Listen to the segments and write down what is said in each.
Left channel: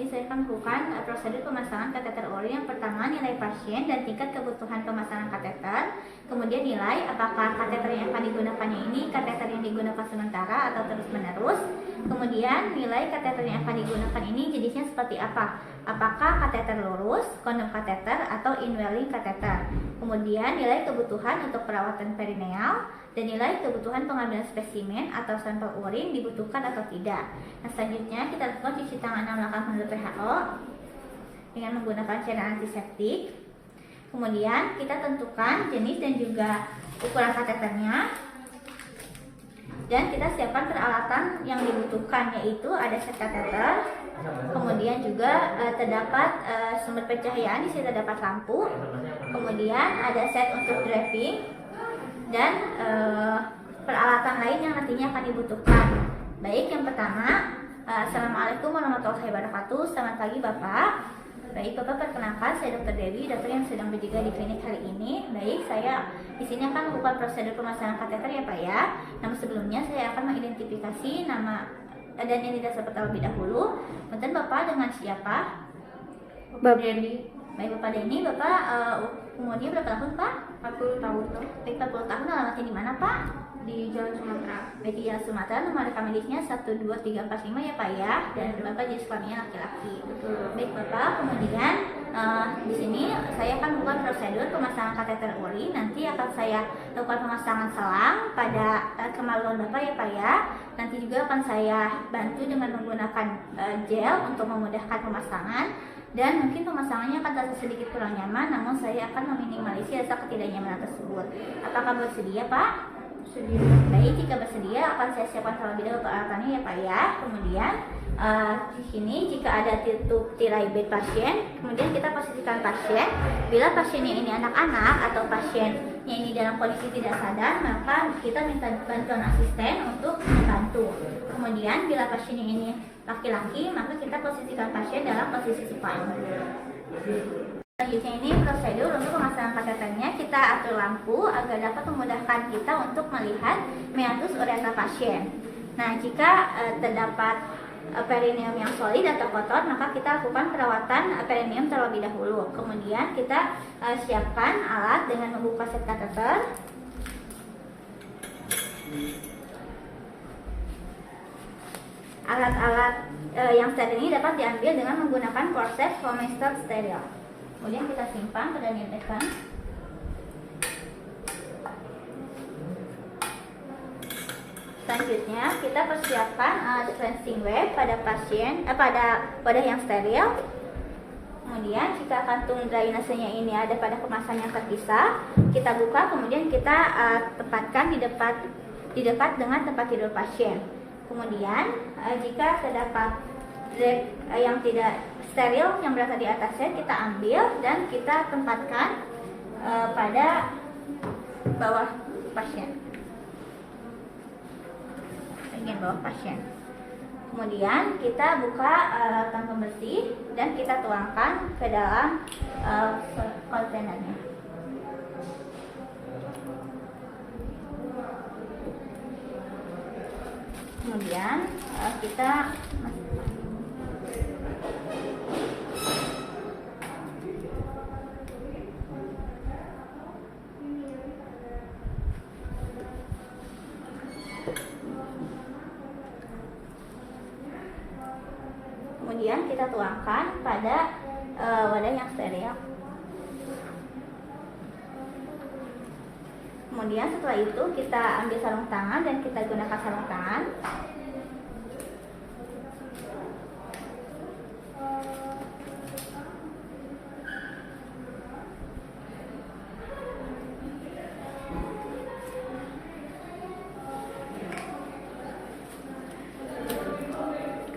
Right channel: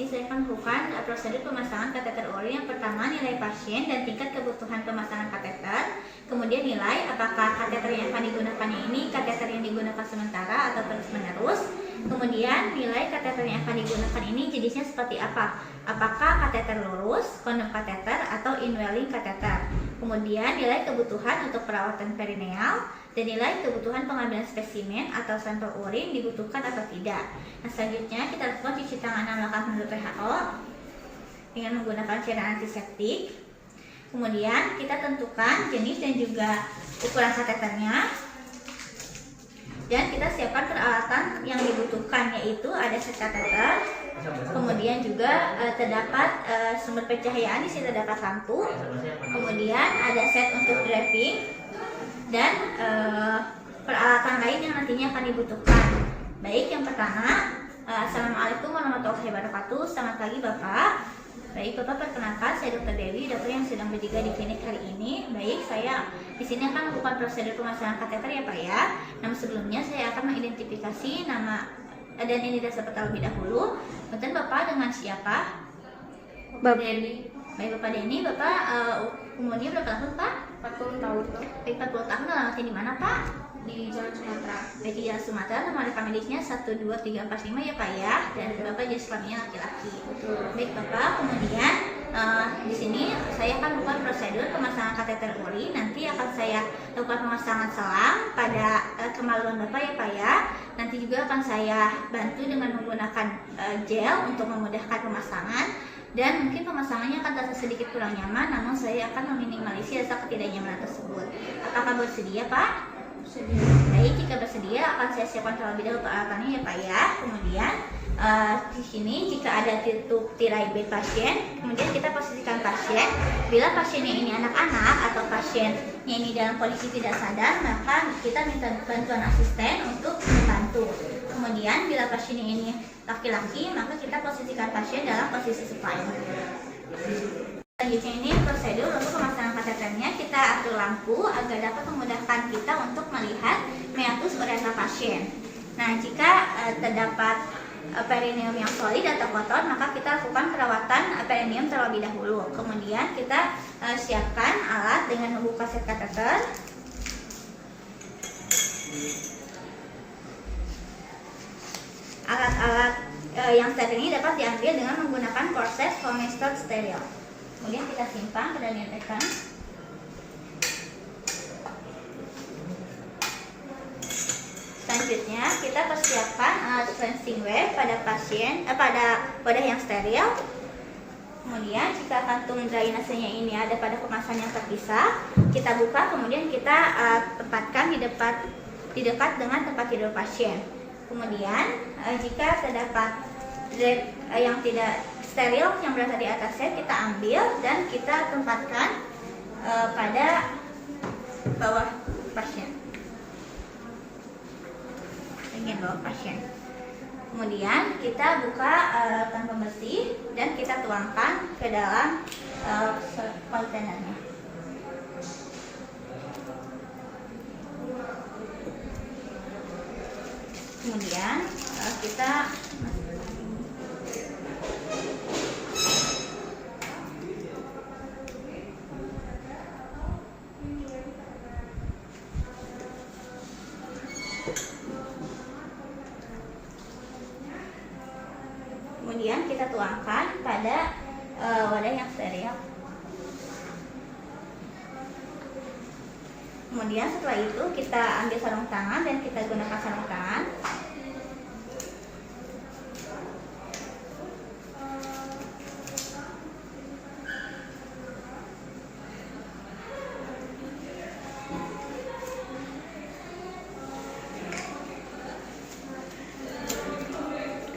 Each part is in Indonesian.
sini saya akan lakukan prosedur pemasangan kateter urin. Yang pertama, nilai pasien dan tingkat kebutuhan pemasangan kateter. Kemudian nilai apakah kateter yang akan digunakannya ini kateter yang digunakan sementara atau terus-menerus. Kemudian nilai kateter yang akan digunakan ini jenisnya seperti apa? Apakah kateter lurus, kondom kateter, atau indwelling kateter. Kemudian nilai kebutuhan untuk perawatan perineal dan nilai kebutuhan pengambilan spesimen atau sampel urin dibutuhkan atau tidak. Nah, selanjutnya kita lakukan cuci tangan 6 langkah menurut WHO dengan menggunakan cairan antiseptik. Kemudian kita tentukan jenis dan juga ukuran kateternya. Dan kita siapkan peralatan yang dibutuhkan, yaitu ada set kateter, kemudian juga terdapat sumber pencahayaan, di sini terdapat lampu, kemudian ada set untuk draping dan peralatan lain yang nantinya akan dibutuhkan. Baik, yang pertama, Assalamualaikum warahmatullahi wabarakatuh. Selamat pagi Bapak. Baik, Bapak perkenalkan, saya Dr. Dewi, dokter yang sedang berjaga di klinik hari ini. Baik, saya di sini akan melakukan prosedur pemasangan kateter ya Pak ya. Namun sebelumnya saya akan mengidentifikasi nama dan identitas Bapak terlebih dahulu. Kemudian Bapak dengan siapa? Bapak Denny. Baik, Bapak Denny. Bapak umurnya berapa tahun Pak? 40 tahun. Baik, 40 tahun. Alamatnya di mana Pak? Di Jalan Sumatera. Baik, di Jalan Sumatera. Nomor rekam medisnya 12345 ya Pak ya. Dan Bapak jenis kelaminnya laki-laki. Betul. Baik Bapak, kemudian di sini saya akan melakukan prosedur pemasangan kateter urin. Nanti akan saya lakukan pemasangan selang pada kemaluan Bapak ya Pak ya. Nanti juga akan saya bantu dengan menggunakan gel untuk memudahkan pemasangan. Dan mungkin pemasangannya akan terasa sedikit kurang nyaman, namun saya akan meminimalisir rasa ketidaknyamanan tersebut. Apakah bersedia Pak? Sedih. Baik, jika bersedia akan saya siapkan terlebih dahulu peralatannya ya Pak ya. Kemudian di sini jika ada tirai bed pasien, kemudian kita posisikan pasien. Bila pasiennya ini anak-anak atau pasiennya ini dalam kondisi tidak sadar, maka kita minta bantuan asisten untuk membantu. Kemudian bila pasiennya ini laki-laki, maka kita posisikan pasien dalam posisi supine. Selanjutnya ini prosedur untuk pemasangan kateternya. Kita atur lampu agar dapat memudahkan kita untuk melihat meatus uretra pasien. Nah, jika terdapat perineum yang solid atau kotor, maka kita lakukan perawatan perineum terlebih dahulu. Kemudian kita siapkan alat dengan membuka set kateter. Alat-alat yang steril ini dapat diambil dengan menggunakan korset Homestad steril. Kemudian kita simpan ke dalam dekan. Selanjutnya kita persiapkan alat cleansing wave pada pasien pada wadah yang steril. Kemudian jika kantung drainasenya ini ada pada kemasan yang terpisah, kita buka, kemudian kita tempatkan di dekat dengan tempat tidur pasien. Kemudian jika terdapat drape yang tidak steril yang berada di atas set, kita ambil dan kita tempatkan pada bawah pasien, bagian bawah pasien. Kemudian kita buka larutan pembersih dan kita tuangkan ke dalam kontainernya. Kemudian kita tuangkan pada wadah yang steril. Kemudian setelah itu kita ambil sarung tangan dan kita gunakan sarung tangan.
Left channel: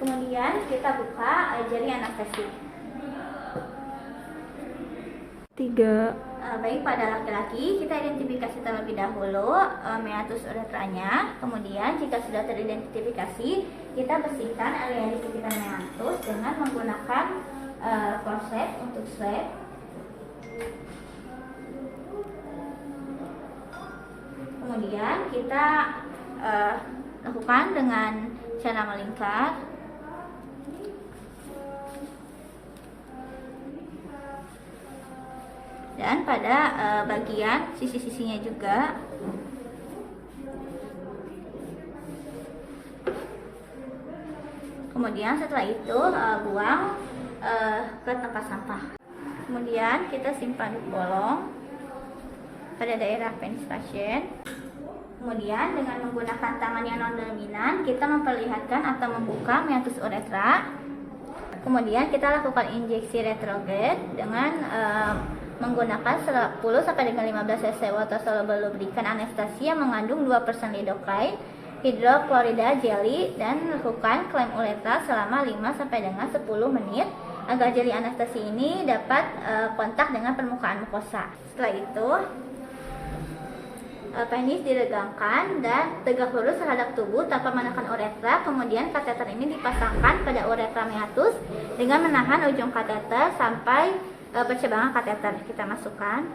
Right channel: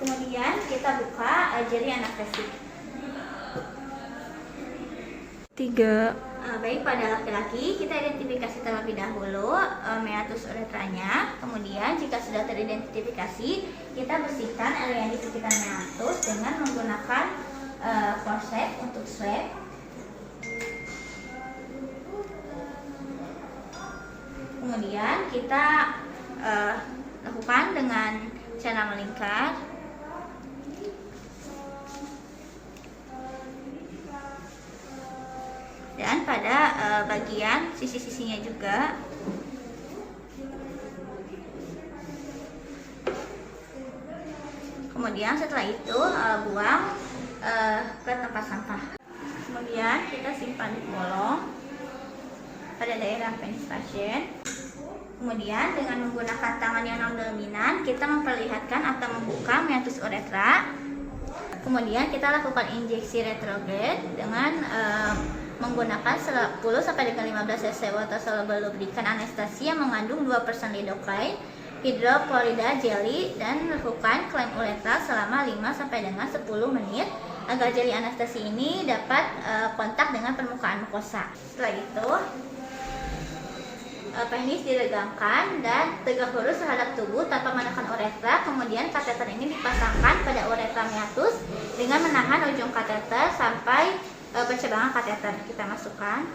Kemudian kita buka jari anestesi. 3. Baik, pada laki-laki kita identifikasi terlebih dahulu meatus uretranya. Kemudian jika sudah teridentifikasi, kita bersihkan area di sekitar meatus dengan menggunakan forceps untuk swab. Kemudian kita lakukan dengan cara melingkar. bagian sisi-sisinya juga. Kemudian setelah itu buang ke tempat sampah. Kemudian kita simpan di bolong pada daerah penis pasien. Kemudian dengan menggunakan tangan yang non dominan kita memperlihatkan atau membuka meatus uretra. Kemudian kita lakukan injeksi retrograde dengan menggunakan 10 sampai dengan 15 cc water soluble lubrikan anestesi yang mengandung 2% lidocaine, hidroklorida jelly, dan melakukan klem uretra selama 5 sampai dengan 10 menit agar jeli anestesi ini dapat kontak dengan permukaan mukosa. Setelah itu penis diregangkan dan tegak lurus terhadap tubuh tanpa menekan uretra. Kemudian kateter ini dipasangkan pada uretra meatus dengan menahan ujung kateter sampai percabangan kateter. Kita masukkan.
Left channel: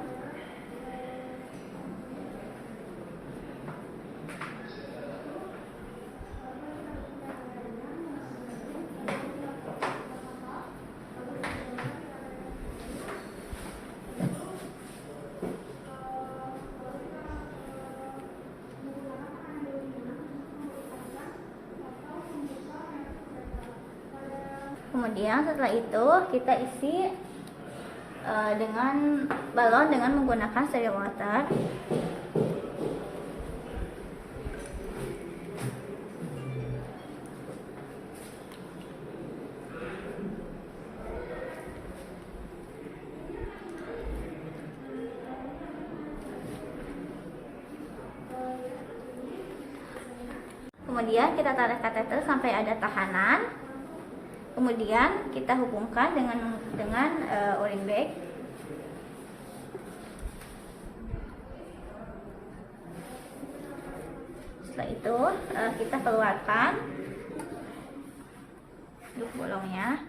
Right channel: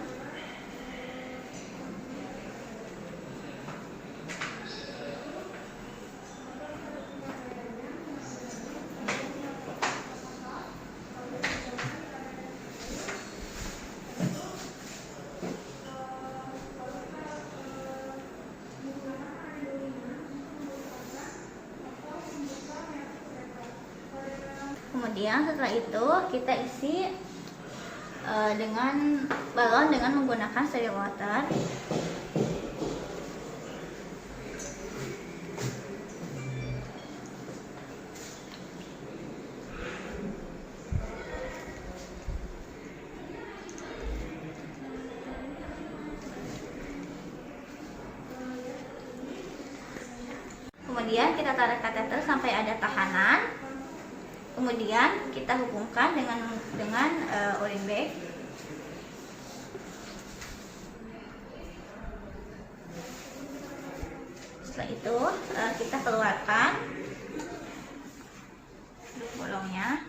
Kemudian setelah itu kita isi dengan balon dengan menggunakan steril water. Kemudian kita tarik kateter sampai ada tahanan. Kemudian kita hubungkan dengan urin bag. Setelah itu kita keluarkan bolongnya.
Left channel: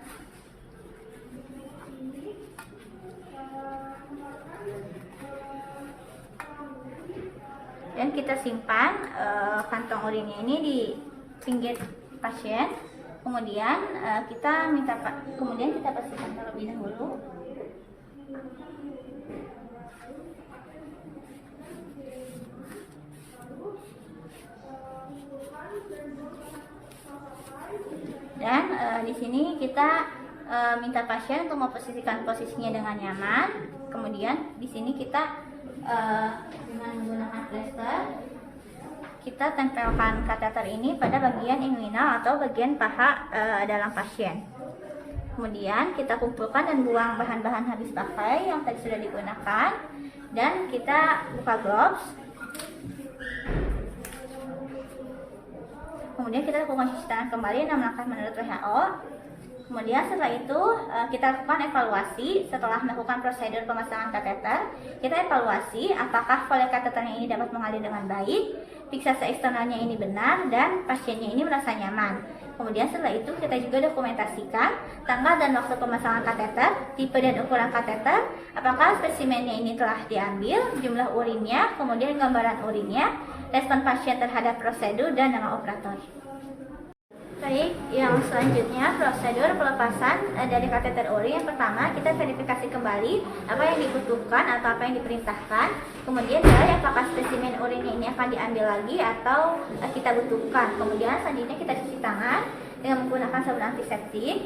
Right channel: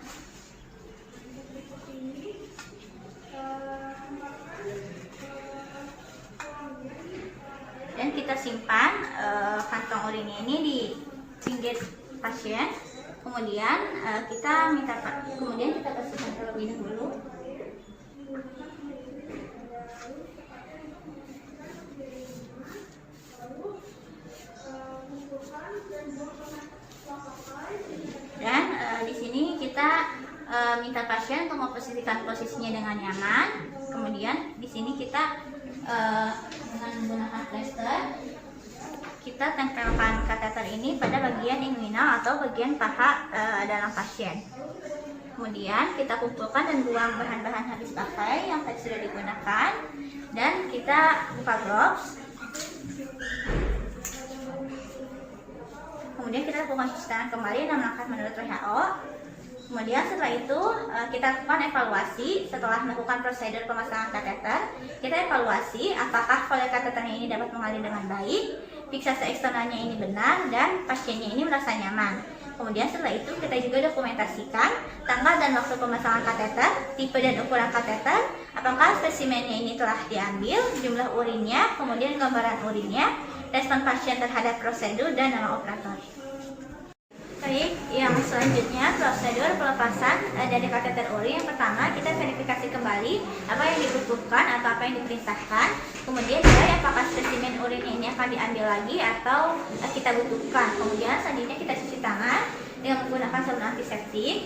Dan kita simpan kantong urinnya ini di pinggir pasien. Kemudian kita bersihkan terlebih dahulu. Dan di sini kita minta pasien untuk memposisikan posisinya dengan nyaman. Kemudian di sini kita dengan menggunakan plester kita tempelkan kateter ini pada bagian inguinal atau bagian paha dalam pasien. Kemudian kita kumpulkan dan buang bahan-bahan habis pakai yang tadi sudah digunakan, dan kita buka gloves. Kemudian kita lakukan cuci tangan kembali 6 langkah menurut WHO. Kemudian setelah itu kita lakukan evaluasi setelah melakukan prosedur pemasangan kateter. Kita evaluasi apakah volley kateternya ini dapat mengalir dengan baik, fiksasi eksternalnya ini benar, dan pasiennya ini merasa nyaman. Kemudian setelah itu kita juga dokumentasikan tanggal dan waktu pemasangan kateter, tipe dan ukuran kateter, apakah spesimennya ini telah diambil, jumlah urinnya, kemudian gambaran urinnya, respon pasien terhadap prosedur, dan nama operator. Baik, yang selanjutnya prosedur pelepasan dari kateter urin. Yang pertama kita verifikasi kembali apa yang dibutuhkan atau apa yang diperintahkan. Kemudian nilai apakah spesimen urin ini akan diambil lagi atau kita butuhkan. Kemudian selanjutnya kita cuci tangan dengan menggunakan sabun antiseptik.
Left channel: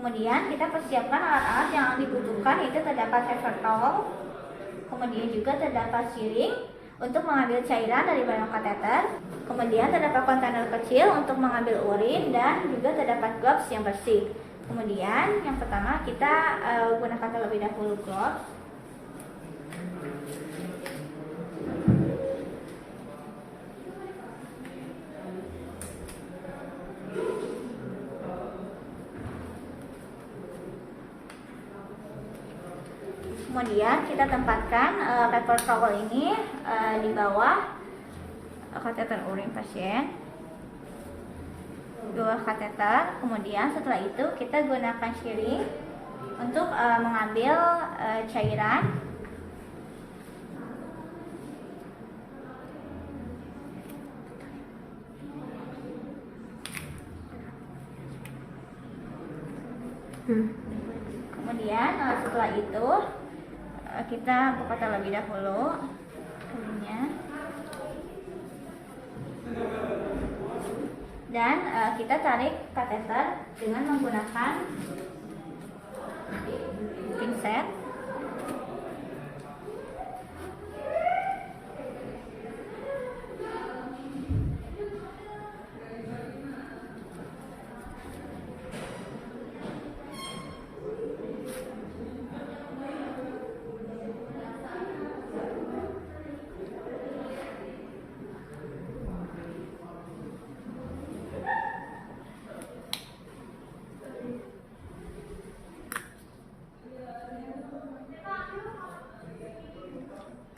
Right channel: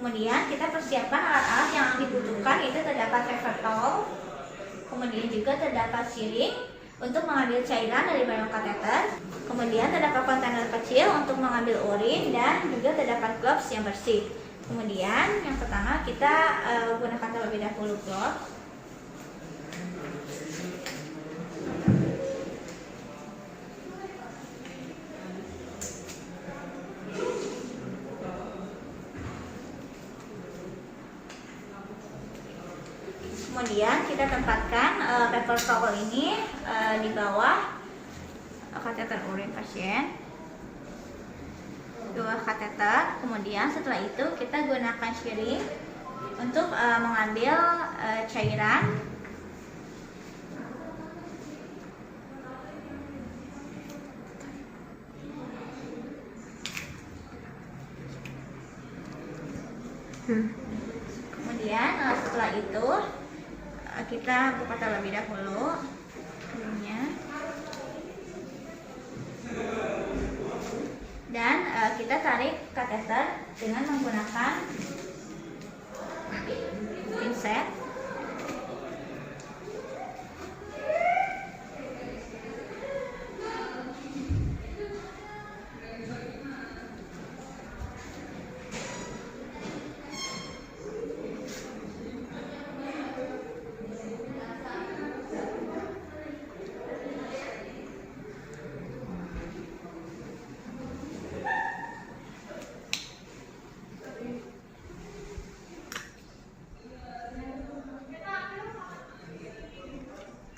Kemudian kita persiapkan alat-alat yang dibutuhkan, itu terdapat paper towel. Kemudian juga terdapat syring untuk mengambil cairan dari balon kateter. Kemudian terdapat kontainer kecil untuk mengambil urin, dan juga terdapat gloves yang bersih. Kemudian yang pertama kita gunakan terlebih dahulu gloves. Kemudian kita tempatkan paper towel ini di bawah kateter urin pasien, dua kateter. Kemudian setelah itu kita gunakan syring untuk mengambil cairan. Kemudian setelah itu Kita buka terlebih dahulu ininya. Dan kita tarik kateter dengan menggunakan pinset.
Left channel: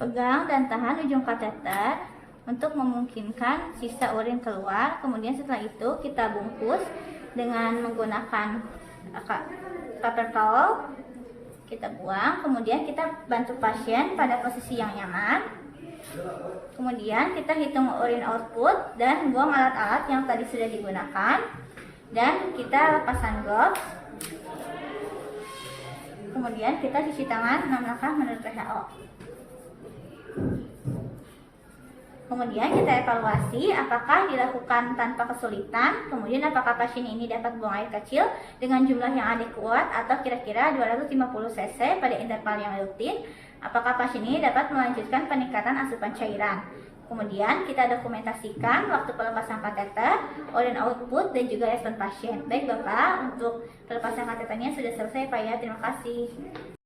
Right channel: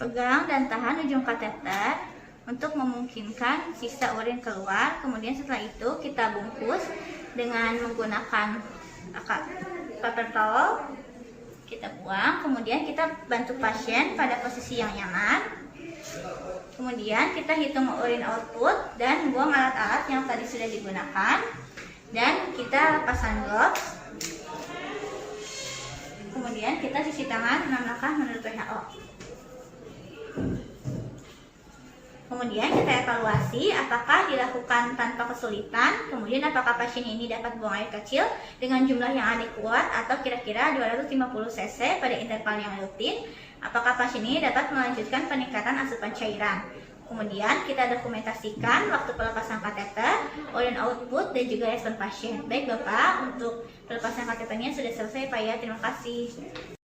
Pegang dan tahan ujung kateter untuk memungkinkan sisa urin keluar. Kemudian setelah itu kita bungkus dengan menggunakan paper towel. Kita buang, kemudian kita bantu pasien pada posisi yang nyaman. Kemudian kita hitung urin output dan buang alat-alat yang tadi sudah digunakan. Dan kita lepaskan gloves. Kemudian kita cuci tangan 6 langkah menurut WHO. Kemudian kita evaluasi apakah dilakukan tanpa kesulitan, kemudian apakah pasien ini dapat buang air kecil dengan jumlah yang adekuat atau kira-kira 250 cc pada interval yang rutin, apakah pasien ini dapat melanjutkan peningkatan asupan cairan. Kemudian kita dokumentasikan waktu pelepasan kateter, urin output, dan juga respon pasien. Baik Bapak, untuk pelepasan kateternya sudah selesai Pak ya, terima kasih.